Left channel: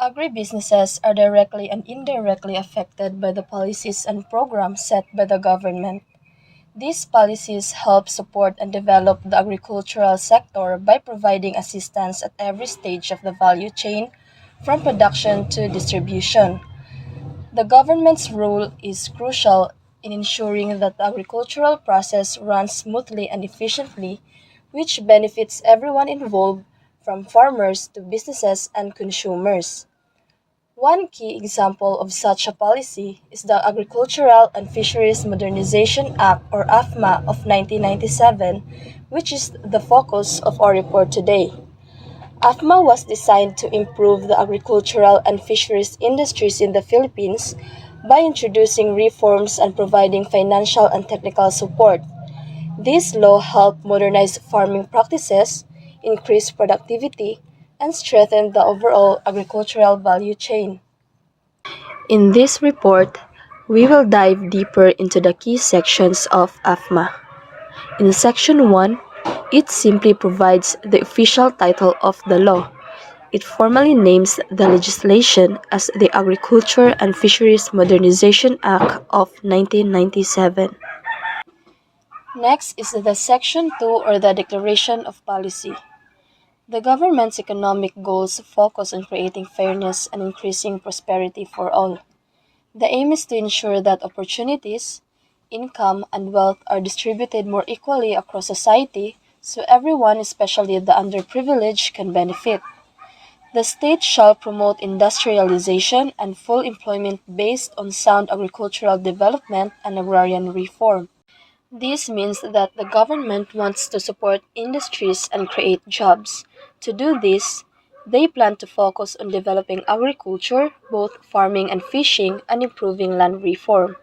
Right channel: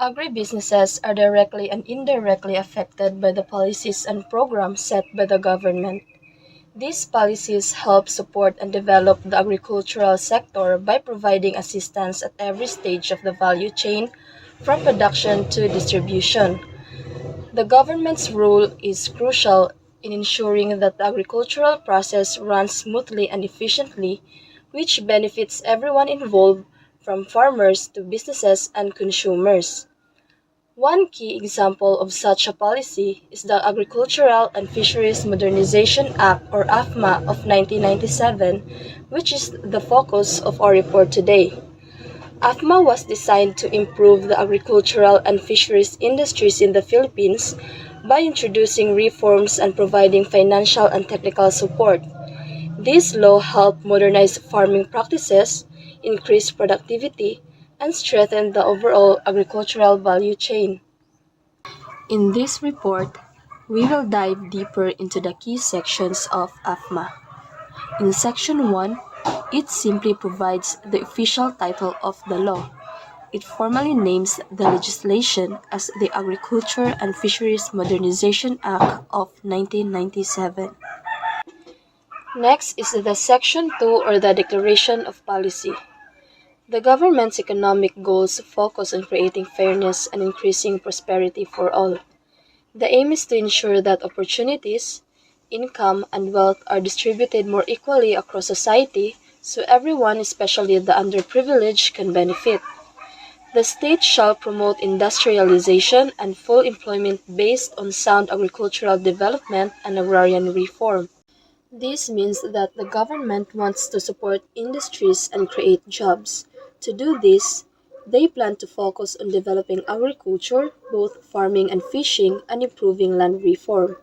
Agribusinesses are directly and indirectly affected by the policies and programs set by the government. These policies help support and develop the agricultural sector by providing assistance at every stage of the value chain, from production to distribution. The government's role is crucial in ensuring that the agricultural process runs smoothly and efficiently, which benefits everyone involved, from farmers to businesses and consumers. One key example of such a policy is the Agricultural and Fisheries Modernization Act, or AFMA, of 1997, which is the focus of our report today. AFMA was designed to improve the agricultural and fisheries industries in the Philippines by introducing reforms and providing financial and technical support. This law helped modernize farming practices, increase productivity, and strengthen the overall agricultural value chain. In this report, we will dive deeper into the key sections of AFMA. In Section 1, it simply provides the official title of the law. It formally names the legislation as the Agriculture and Fisheries Modernization Act of 1997. Next is the Section 2, or the Declaration of Policy. The government's economic goals focus on creating fairness and increasing prosperity for all. The aim is to ensure that opportunities, income, and wealth are distributed more equally across society so everyone, especially the underprivileged, can benefit. The state shall promote industrialization and full employment based on sound agricultural development and agrarian reform. This means that the government wants to support industries and create jobs. To do this, they plan to focus on developing agriculture, both farming and fishing, and improving land reform.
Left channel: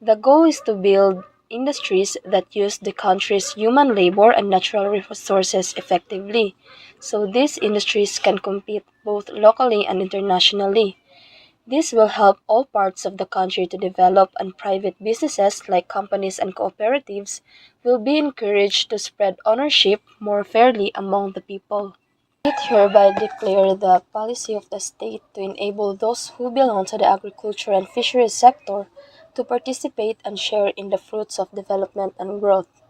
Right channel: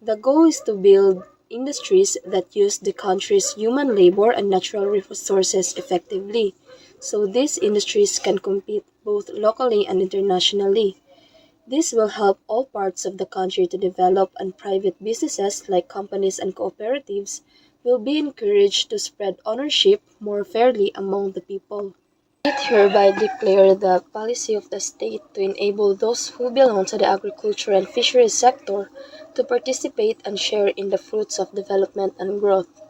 The goal is to build industries that use the country's human labor and natural resources effectively, so these industries can compete both locally and internationally. This will help all parts of the country to develop, and private businesses like companies and cooperatives will be encouraged to spread ownership more fairly among the people. It hereby declare the policy of the state to enable those who belong to the agriculture and fisheries sector to participate and share in the fruits of development and growth.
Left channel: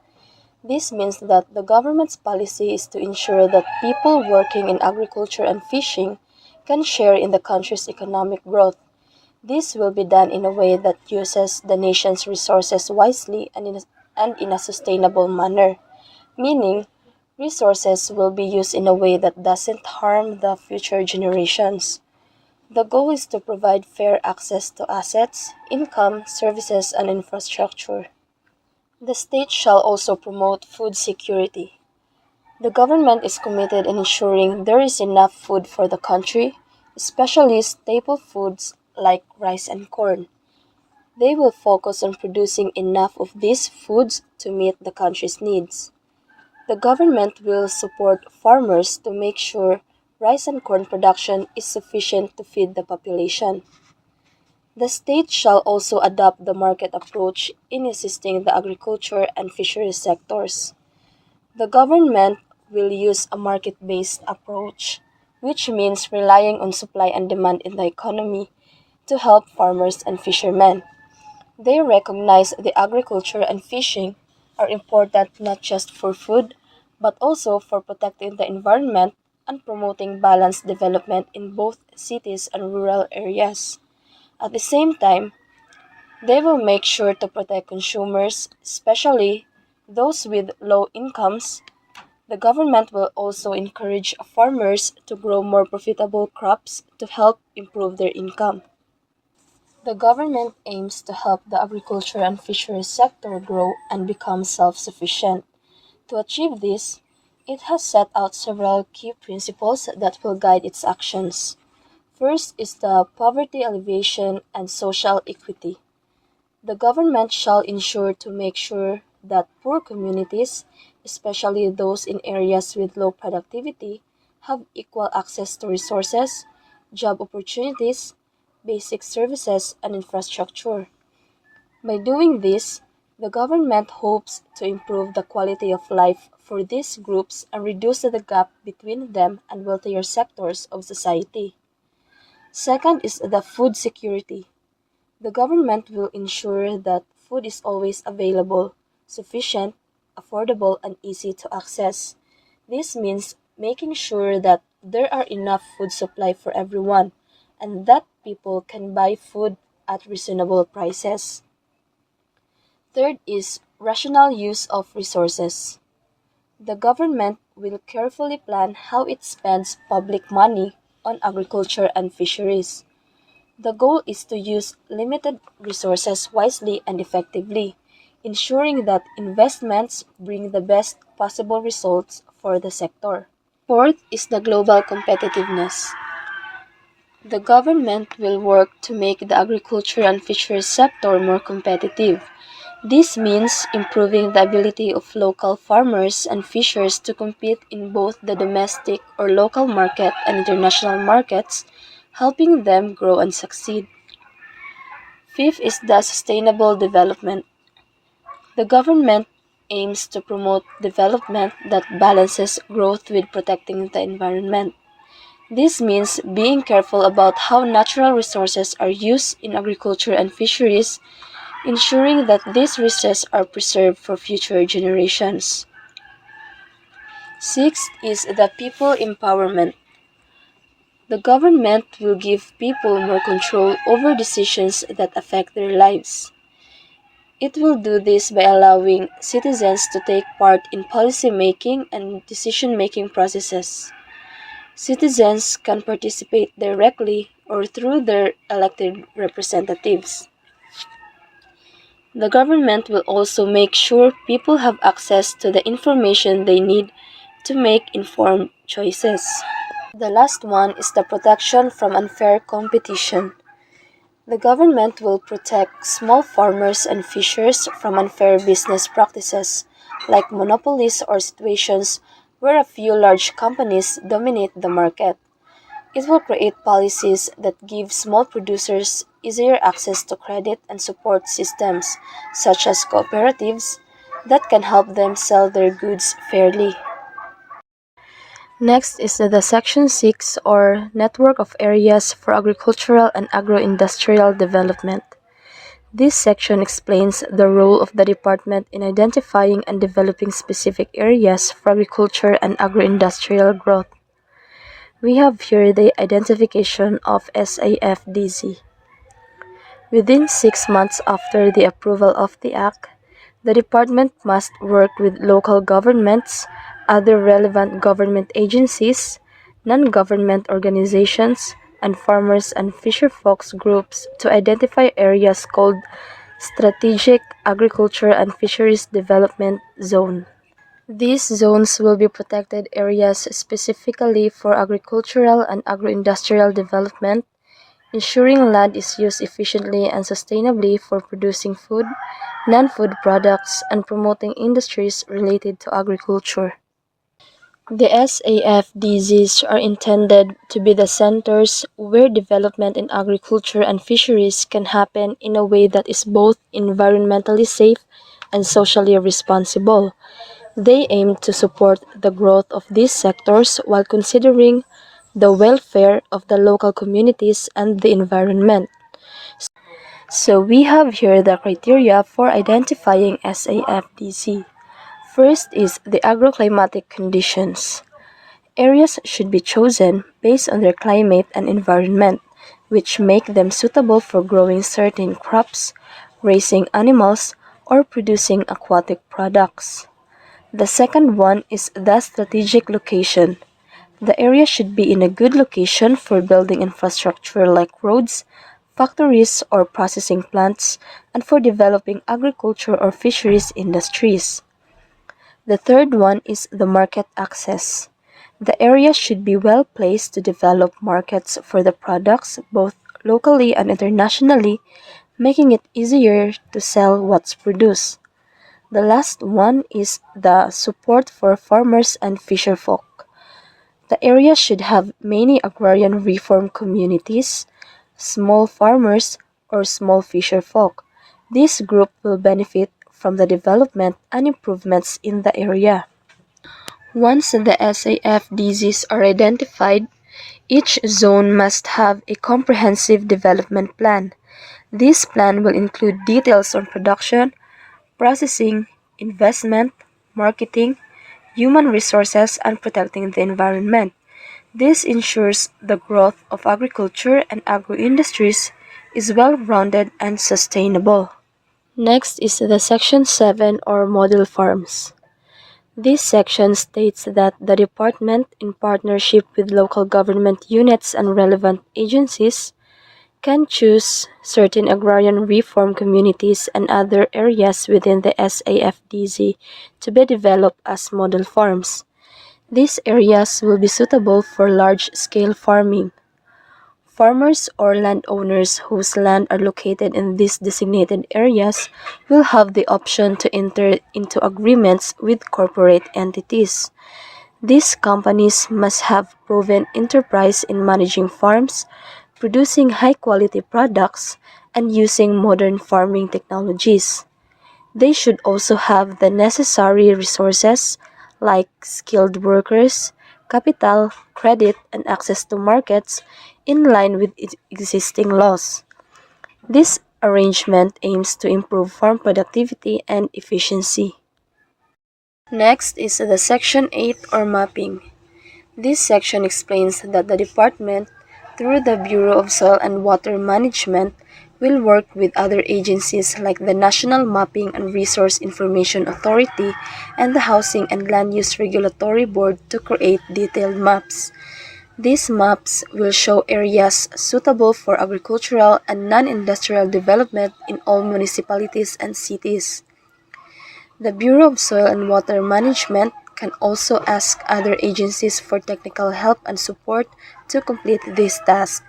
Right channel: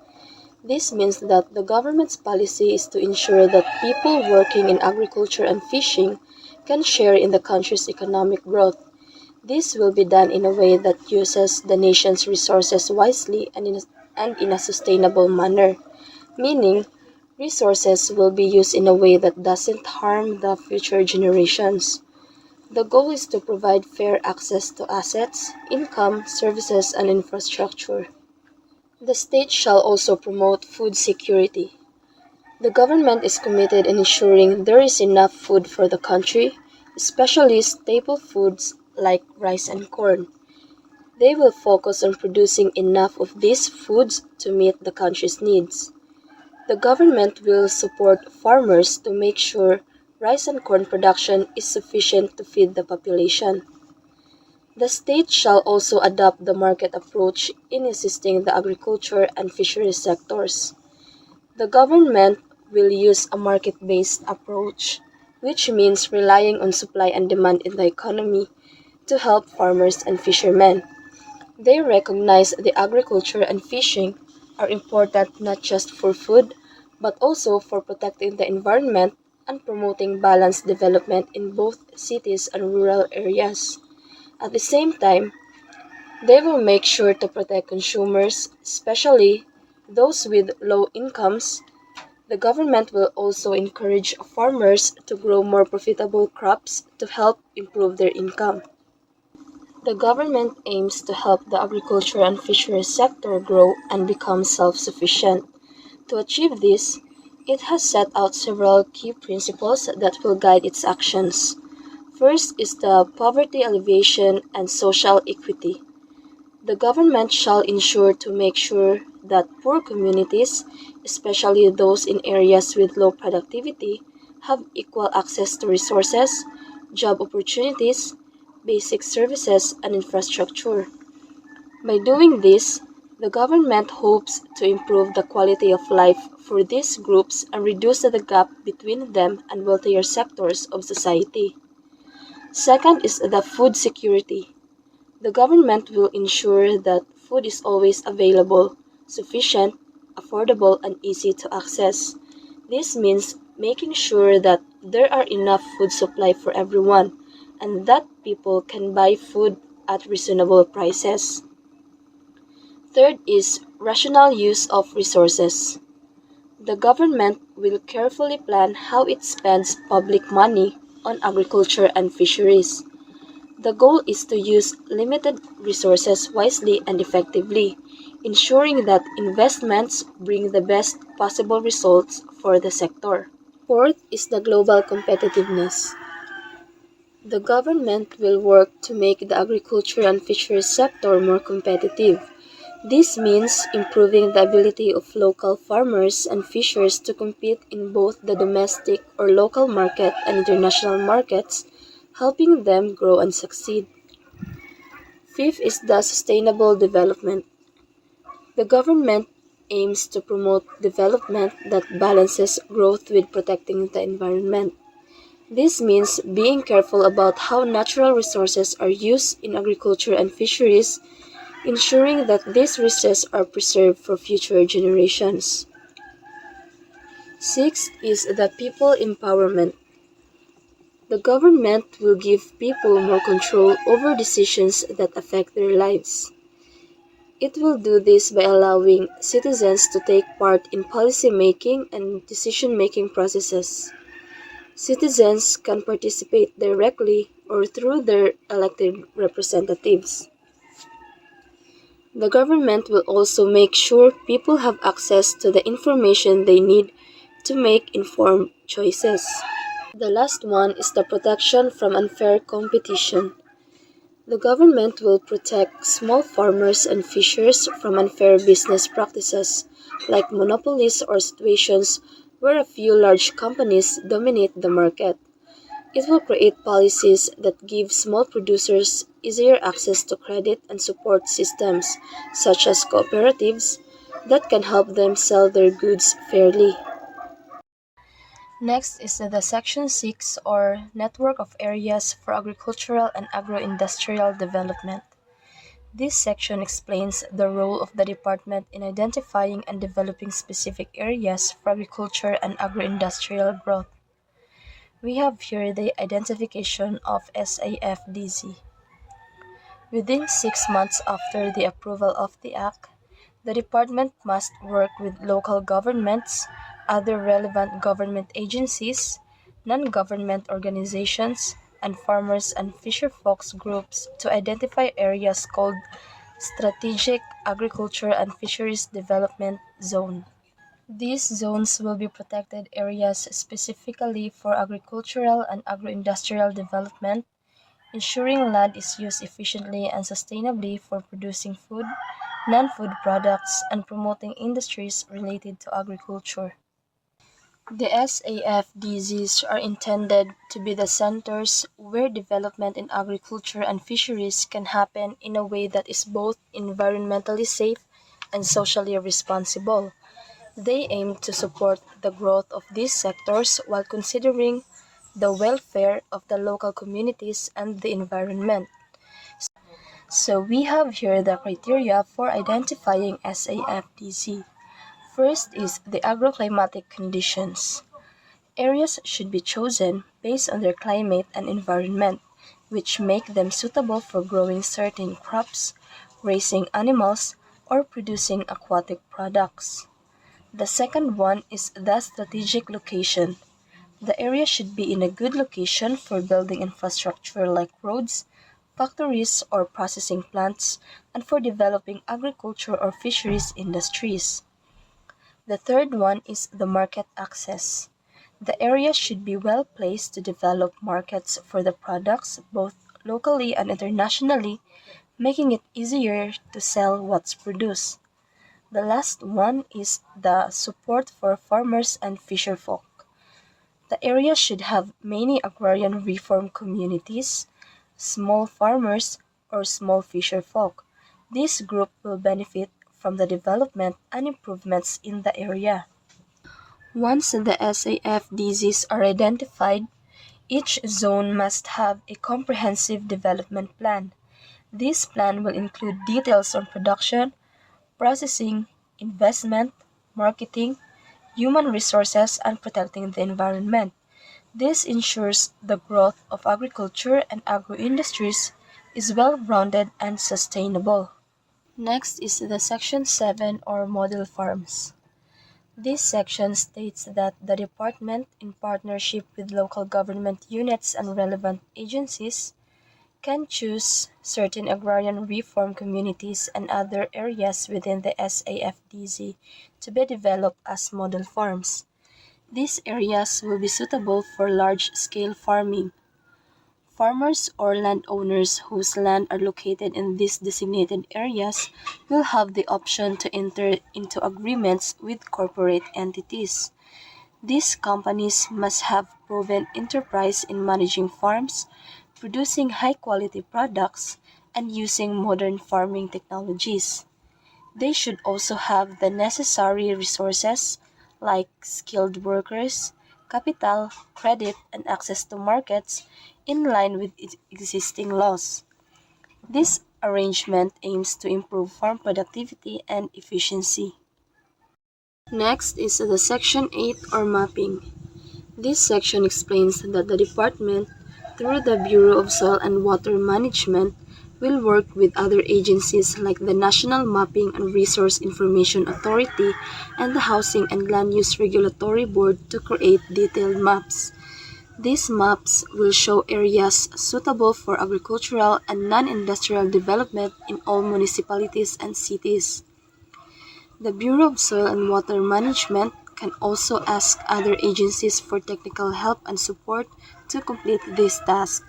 This means that the government's policy is to ensure that people working in agriculture and fishing can share in the country's economic growth. This will be done in a way that uses the nation's resources wisely and in a sustainable manner, meaning resources will be used in a way that doesn't harm the future generations. The goal is to provide fair access to assets, income, services, and infrastructure. The state shall also promote food security. The government is committed in ensuring there is enough food for the country, especially staple foods like rice and corn. They will focus on producing enough of these foods to meet the country's needs. The government will support farmers to make sure rice and corn production is sufficient to feed the population. The state shall also adopt the market approach in assisting the agriculture and fisheries sectors. The government will use a market based approach, which means relying on supply and demand in the economy to help farmers and fishermen. They recognize the agriculture and fishing are important not just for food, but also for protecting the environment and promoting balanced development in both cities and rural areas. At the same time, they will make sure to protect consumers, especially those with low incomes. The government will also encourage farmers to grow more profitable crops to help improve their income. The government aims to help the agriculture and fisheries sector grow and become self sufficient. To achieve this, it has set out several key principles that will guide its actions. First is the poverty alleviation and social equity. The government shall ensure to make sure that poor communities, especially those in areas with low productivity, have equal access to resources, job opportunities, basic services, and infrastructure. By doing this, the government hopes to improve the quality of life for these groups and reduce the gap between them and wealthier sectors of society. Second is the food security. The government will ensure that food is always available, sufficient, affordable, and easy to access. This means making sure that there are enough food supply for everyone and that people can buy food at reasonable prices. Third is rational use of resources. The government will carefully plan how it spends public money on agriculture and fisheries. The goal is to use limited resources wisely and effectively, ensuring that investments bring the best possible results for the sector. Fourth is the global competitiveness. The government will work to make the agriculture and fisheries sector more competitive. This means improving the ability of local farmers and fishers to compete in both the domestic or local market and international markets, helping them grow and succeed. Fifth is the sustainable development. The government aims to promote development that balances growth with protecting the environment. This means being careful about how natural resources are used in agriculture and fisheries, ensuring that these resources are preserved for future generations. Sixth is the people empowerment. The government will give people more control over decisions that affect their lives. It will do this by allowing citizens to take part in policy making and decision making processes. Citizens can participate directly or through their elected representatives. The government will also make sure people have access to the information they need to make informed choices. The last one is the protection from unfair competition. The government will protect small farmers and fishers from unfair business practices, like monopolies or situations where a few large companies dominate the market. It will create policies that give small producers easier access to credit and support systems, such as cooperatives, that can help them sell their goods fairly. Next is the Section 6 or Network of Areas for Agricultural and Agro-Industrial Development. This section explains the role of the department in identifying and developing specific areas for agriculture and agro-industrial growth. We have here the identification of SAFDZ. Within 6 months after the approval of the Act, the department must work with local governments, other relevant government agencies, non-government organizations, and farmers and fisherfolks groups to identify areas called Strategic Agriculture and Fisheries Development Zone. These zones will be protected areas specifically for agricultural and agro-industrial development, ensuring land is used efficiently and sustainably for producing food, non-food products, and promoting industries related to agriculture. The SAFDZs are intended to be the centers where development in agriculture and fisheries can happen in a way that is both environmentally safe and socially responsible. They aim to support the growth of these sectors while considering the welfare of the local communities and the environment. So we have here the criteria for identifying SAFDC. First is the agroclimatic conditions. Areas should be chosen based on their climate and environment, which make them suitable for growing certain crops, raising animals, or producing aquatic products. The second one is the strategic location. The area should be in a good location for building infrastructure like roads, factories, or processing plants, and for developing agriculture or fisheries industries. The third one is the market access. The area should be well placed to develop markets for the products both locally and internationally, making it easier to sell what's produced. The last one is the support for farmers and fisherfolk. The area should have many agrarian reform communities, small farmers, or small fisherfolk. This group will benefit from the development and improvements in the area. Once the SAFDZs are identified, Each zone must have a comprehensive development plan. This plan will include details on production, processing, investment, marketing, human resources, and protecting the environment. This ensures the growth of agriculture and agro-industries is well-rounded and sustainable. Next is the Section 7 or model farms. This section states that the department, in partnership with local government units and relevant agencies, can choose certain agrarian reform communities and other areas within the SAFDZ to be developed as model farms. These areas will be suitable for large-scale farming. Farmers or landowners whose land are located in these designated areas will have the option to enter into agreements with corporate entities. These companies must have proven enterprise in managing farms, producing high-quality products, and using modern farming technologies. They should also have the necessary resources like skilled workers, capital, credit, and access to markets in line with existing laws. This arrangement aims to improve farm productivity and efficiency. Next is the Section 8 or mapping. This section explains that the department, through the Bureau of Soil and Water Management, will work with other agencies like the National Mapping and Resource Information Authority and the Housing and Land Use Regulatory Board to create detailed maps. These maps will show areas suitable for agricultural and non-industrial development in all municipalities and cities. The Bureau of Soil and Water Management can also ask other agencies for technical help and support to complete this task.